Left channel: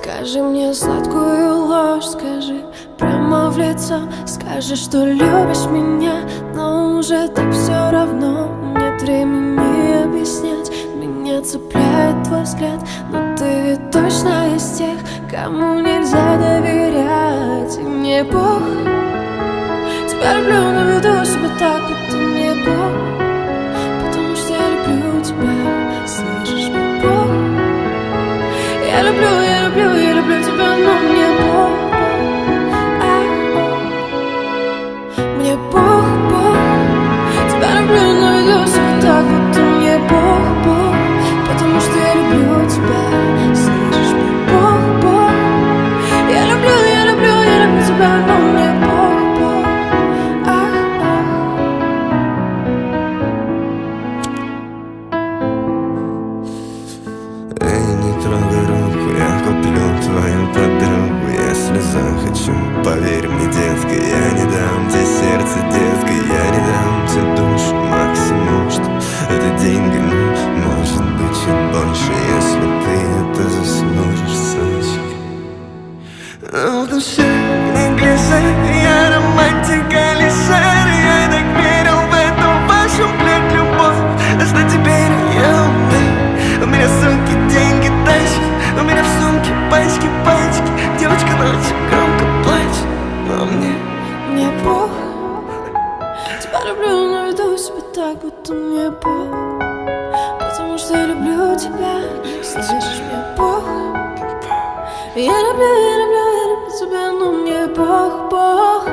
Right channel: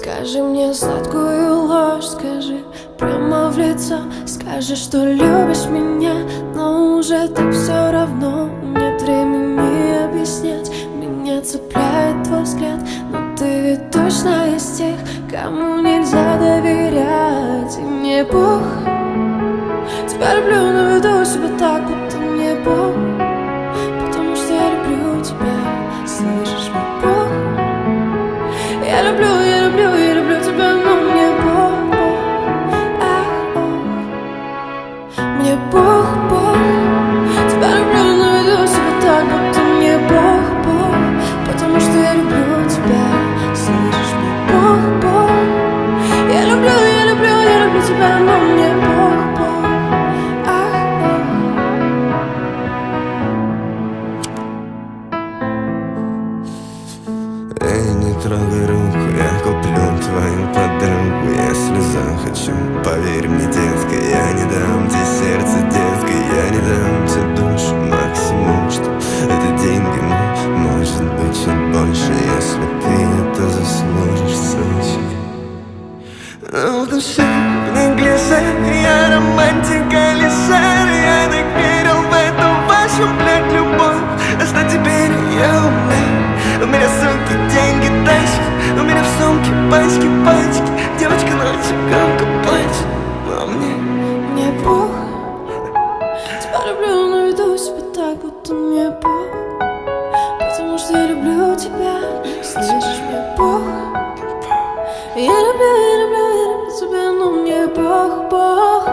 Скажи мне сладкую ложь, скажи прямо в лицо. Скажи, что любишь меня, но уже так все равно. Нет времени объяснять, меня цепляет твой взгляд. Но ты ведь точно из тех, кому нельзя доверять. И мне Бог, тебя люблю, но веду себя так, будто мне Бог. Потому что я люблю тебя, слышишь, мой Бог. Я люблю, я люблю, я люблю тебя, но мне Бог, Бог, мне Бог, Бог. Тебя люблю, но веду себя так, будто мне Бог, Бог. Потому что я люблю тебя, слышишь, мне Бог, Бог. Я люблю, я люблю, я люблю тебя, но мне Бог, Бог. Эй, не трогай руку, я куплю твою подругу, если захочу. Поверь мне, детка, я не дам тебе сердце, детка, я не дам тебе душу. Максимум, что это деньги, но может быть чуть больше, если ты это заслужишь, сучка. Но в душе в неглиже я романтика лишер. Я так верил в эту вашу, блядь, любовь. А что теперь я умный? У меня сумки, деньги, тачки. У меня в сумке пачки, пачки. Девочка ночью громко плачет. Но мне Бог. Тебя люблю, но веду себя так, будто мне Бог. Потому что я люблю тебя, слышишь, мне Бог. Я люблю, я люблю, я люблю тебя, но мне Бог, Бог.